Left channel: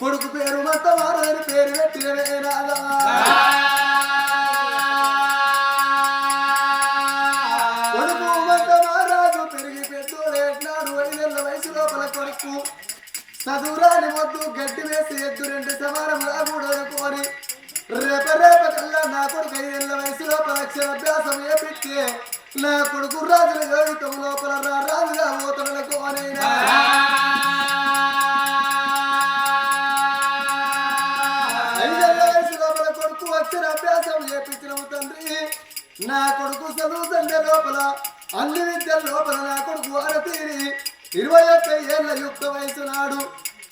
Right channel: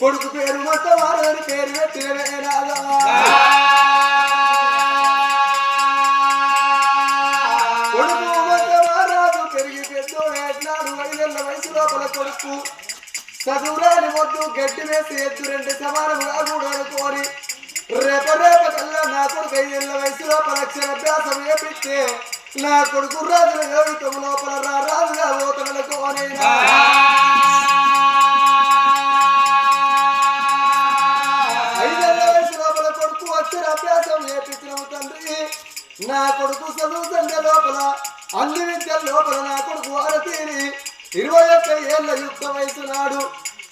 కొడుకు పేరు మతవారని పేరు పెట్టినవేనాదా కొడుకు మతవారాజు పెరిగి పెద్దోడేసినాడు 5 ఏళ్ల వయసు లోపల కొడుకు చదువురాని మొద్దు గడ్డి వేసి ఎద్దు 2 సమానముగా కూడనుకోని రేప కల్లా నా కొడుకు 5 ఏళ్ల వయసు లోపల అక్షరాభ్యాసం ఏపిస్తే నా కొడుకు రాజుల యోగితం లోపల రాజుగా పోతలకు అనైనా 5 ఏళ్ల వయసు లోపల కొడుకు అక్షరాభ్యాసం ఏపించిన తండ్రి నా కొడుకు చదువు తండ్రి లోపల అన్ని విద్యల లోపల నా కొడుకు అరతీరి 21 ఏళ్ల యుక్త వయసు నాడు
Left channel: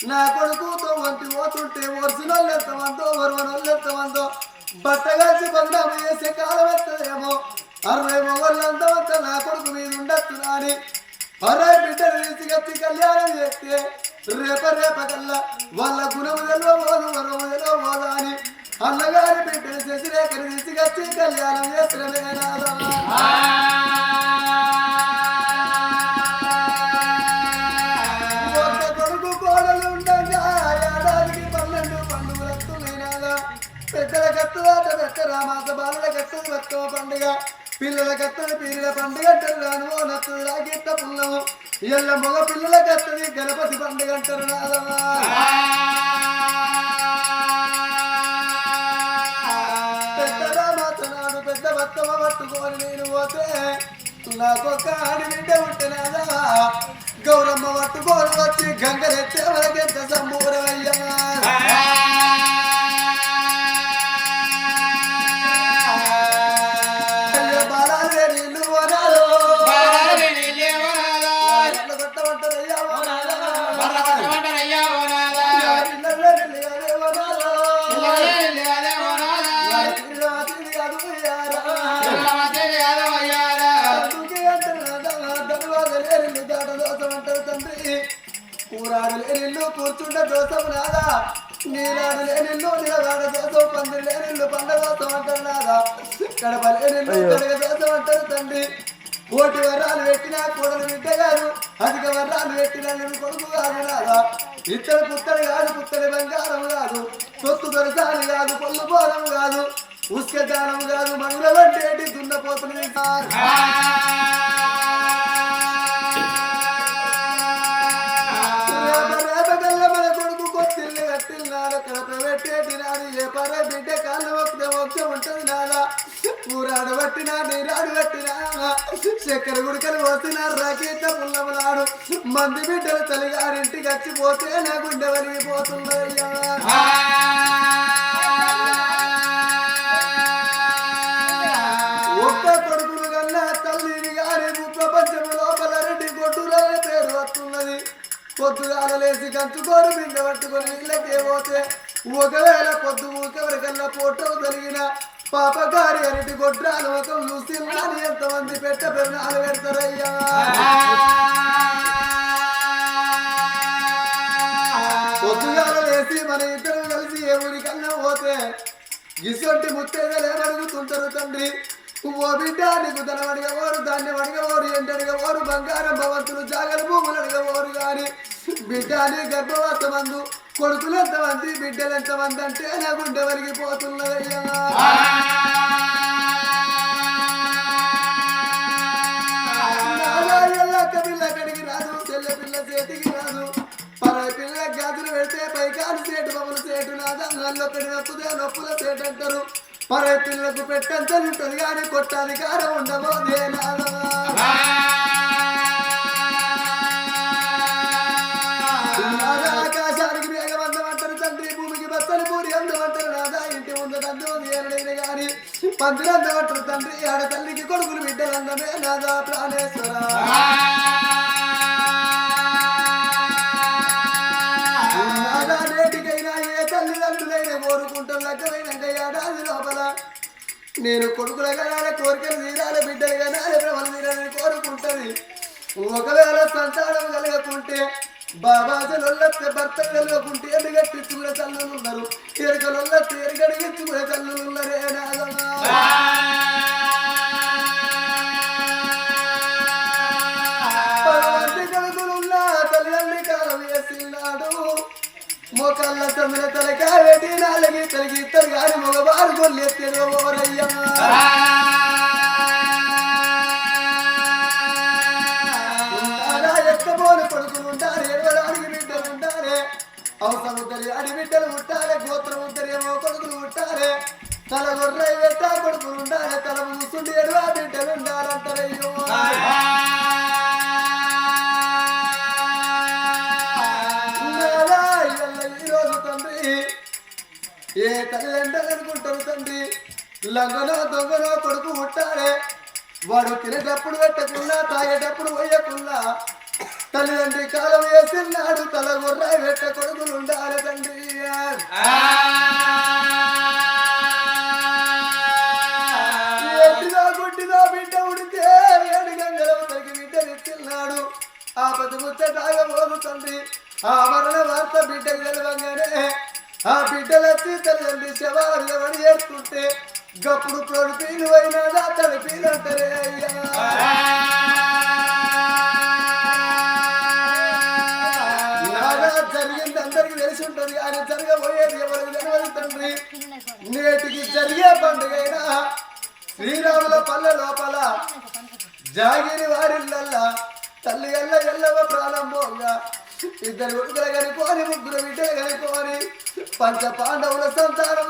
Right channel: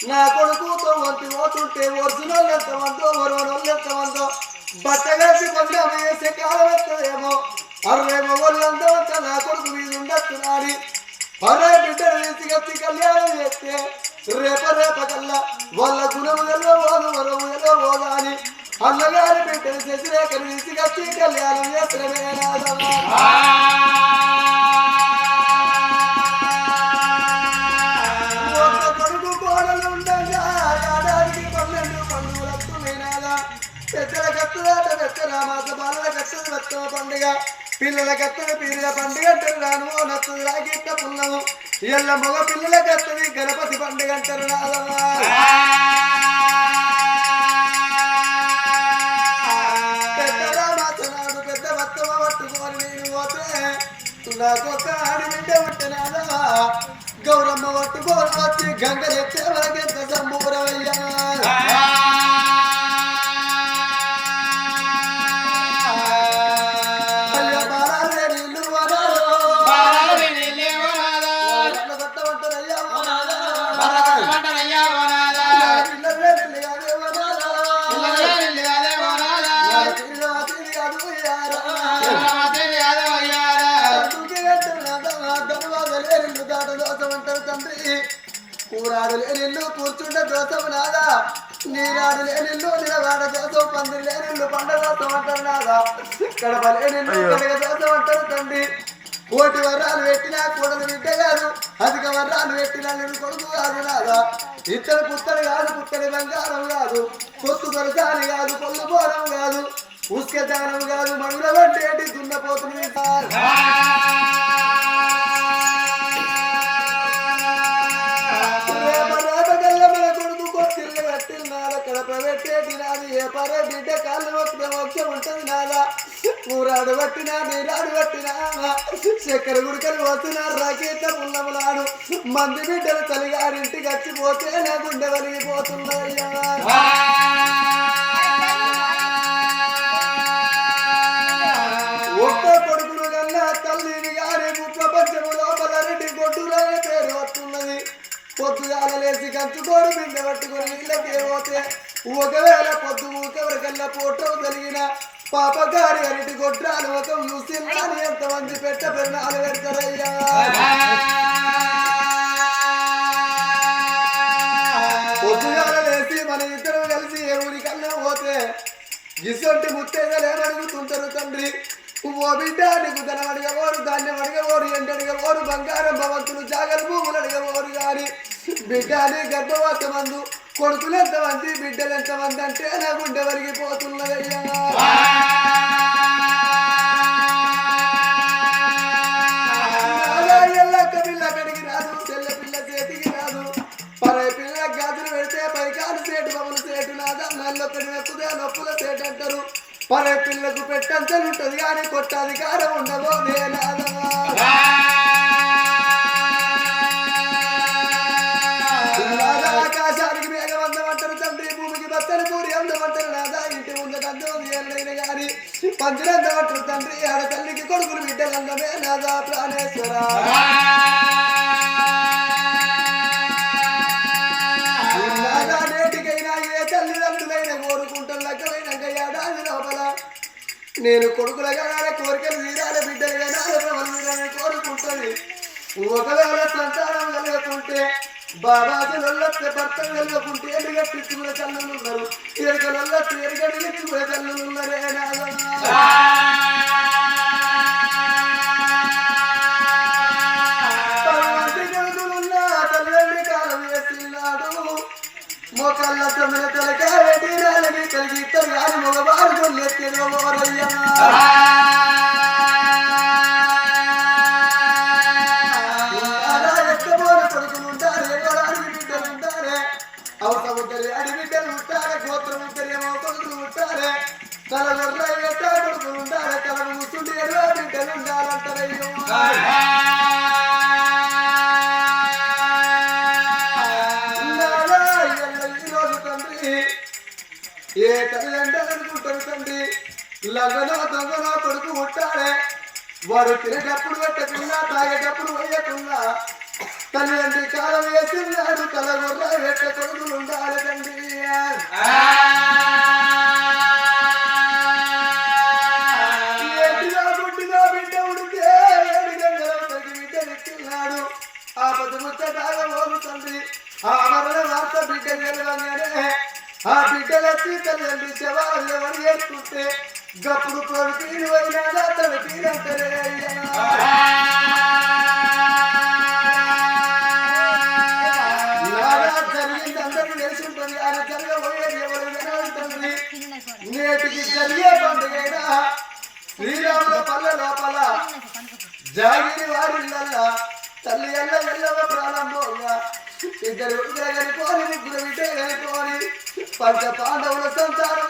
నా కొడుకుతో వంతి పోతుంటే ఒరిజినల్ ఎంతమందో వరవనోళ్ళు ఎంతమందో బట్టగలిసి బంధం వేసే కాలం ఎత్తదేమో 60 మొగోళ్ళు అంతమంతా నా కొడుకు మీద ఉండొచ్చు నాని 60 బిడ్డలు తీసుకొచ్చి కళ్యాణం చేస్తే రేప కల్లా వాళ్ళ గుణములలో పోదు వరములలో పోదా అని అన్నగారి బిడ్డలు శశిరేఖను తీసుకొచ్చి కళ్యాణం చేసిన పెద్దల కట్టుదాట పెద్దల మాస బాలల కట్టదు బతుకమ్మ పండుగ పిల్లల కట్టది పీరియ పండుగ అంటారు రాను నత్తు రాగిట్ట పున్నము ఎల్ల మగ పిల్లల కట్టది గణపతి పండుగ అంటారు నాదమ్మా పెద్దల మాస నాడు పెద్ద బతుకమ్మ పట్టుకొని నేను పోతే నాకొక ఆడి బిడ్డ పుట్టినాదా గౌరమ్మ పట్టుకొని వచ్చి గంగలెచ్చే వరకెంత సంబూరమయ్యా కూరాడు లేనిల్లు కూర్చుంటే దోసం నాదా నీరాడు లేనిల్లు నిలవాడ దోసం పందిరి లేనిల్లు పండ దోసం అంటారు నాదా కడప లేనిల్లు కడగ దోసం అంటారు తండ్రి కోటి వర్రాలు పెట్టినా కూడలు బిడ్డ కాదు అధిక వర్రాలు పెట్టినా నేను కొడుకు కాదు నాదా ఇత్తడి పుత్తడి కాదు పుత్తడి బంగారం కాదు తొత్తు దొరసాని కాదు పొల్లు పోరం కాదు ఉస్క దానం కాదు మనుల వంటి దున్నపోతుంది బిడ్డ కాళ్ళు ఒక్క మోక్షం ఉంటుంది నాదా కూరాడు పట్టినా నీరాడు పట్టినా చక్కెర గుడికలు వస్తున్నారు రాకేట పుల్లమలాడు మంది బిడ్డలు తల్లిగారింటికి వచ్చిపోతే నా గుండె వలిగిపోతుందయ్యా ఒక్క కొడుకులు కన్నా తల్లిని గారి ప్రపంచము లోపల 2 గొడ్డులనే పేరు వస్తున్నది పొద్దుగాల లేసి కంచుకోరు బింగ పట్టుకొని ఇళ్ళకే పోతే ఒకవేళ పొద్దు ఊకెవరికల్లా ఫోటో కలిగిన పాపగారి 2 గొడ్రాలు ఒక ముస్లింలని ఎంతమంది పెట్ట పెరణాలు పెడతారయ్యా పొద్దుగాల లేసి మన ఇద్దరు కలిసి ఏ ఊరికన్నా పోతే గిసొంటి ముత్తేదలే అడుగుతుంటారు తండ్రి ఓ బిడ్డ నీకు ధనం అడిగేవారు ధాన్యం అడిగేవారు ఎండ అడిగేవారు బంగారం భవంతులు జాగర భూములు అడిగేవారు కానీ బిడ్డ అని గర్భవత మందు కొడుకులు ఎంతమంది బిడ్డలు ఎంతమంది అంటే నా గుండె వలిగిపోతున్నదయ్యా ఎల్లక్క పిల్ల కడిగి రాదు చెల్లె పిల్ల చేతికి రాదు పరై పిల్ల గాజులు పెడితే పైకాలు సేటు బొమ్మలు సేటు నాదా నల్లొక్కడి నొప్పుదే నొప్పుల సేటు అంటారు పరై పిల్లకు పెట్టంతలు ఉంటుంది కానీ కొట్టాధికారం ఉండబోదే నాదా ఆకాశానికి మేఘవంతం అంటారు తండ్రి భూమికి బత్తని పూరి అందం అంటారు నాదా ఇంటి ముందటందం ఏనైనా గాని పందిరందం అంటారు తండ్రి ఆడ తల్లికి కొడుకులు బిడ్డలందమే నాదా ప్రాణేశ్వర నాదా నేటికైనా ఏ తల్లిదండ్రులైనా కోరుకుంటాం లెక్కలైన ఏడాది లోపల నేను కొడుకులుగా కోరికలు తీరాలి బిడ్డలుగా కోరుకుంటుంది ఒకవేళ సంతానం కలగకుంటే బాబాజలొల్లెత్తే భర్తలు కలగకుంటే ఎలుగట్టించుకునే తల్లులు ఉన్నారు ఎరుకలొల్లెత్తే ఎరుగడిగించుకునే తల్లులు ఉన్నారే మోకల్ల తమిళ తలకావేటి నాలకి కలిగి ఇద్దరు గాని మగవారు కొల్లెత్తేనో ఓరయ్యా ఉంటారా ఎక్కబోని కొడుకులు ఉంటారు ఎవరానికి బిడ్డలు ఉంటారే అవసరం అడి బిడ్డలు ఉంటారే గోత్రం ఉంటారేమో కొడుకులు ఉంటారే తలగొర్ర ఎట్ట కొడుకులు ఉంటారే తల ముసుండి ఎర్ర బిడ్డలు ఉండాలంటారయ్యో ఏ తల్లి అంటారనుకుంటారు తండ్రి లంగనో దొంగనో కొడుకు ఉంటాడే వాడు తినేటప్పుడు పెట్టకుండా తాగేటప్పుడు పోయకుండా తల్లిదండ్రి కాలం వేస్తున్నాడు తలగొర్ర వెట్ట కొడుకులు ఉండాలి తండ్రి గుడ్డిగా బిడ్డ ఉడితే ఏడు గంటల బిడ్డ ఎత్తున్నాడు ఆ పది ముచ్చటాగా పోదు తండ్రి ఆ మరణ వార్త బిడ్డ గెలవగానే ఆ బిడ్డలకి తల్లి శవాలు ఎవరు చేసుకుంటే గప్పుడు తోడు పీలు అయినా తన పీలంటారే నాగా జరిగింది అందరికి తెలిసి ఉంటుంది ఆయన జరగబోయేది ఎవరు జరగలుగుతుంది నేటికి జరిగే పండుగైనా శ్రీరాముల పల్లె లోపల జాగిరి వారిల్లల్లా తల్లి ఎల్ల ఎల్లవ ప్రారంభంగా ఇద్దరు ముగ్గురు కనుకోని ముగ్గురు విటే కనుకోని పంచ పాండవుల సంతానం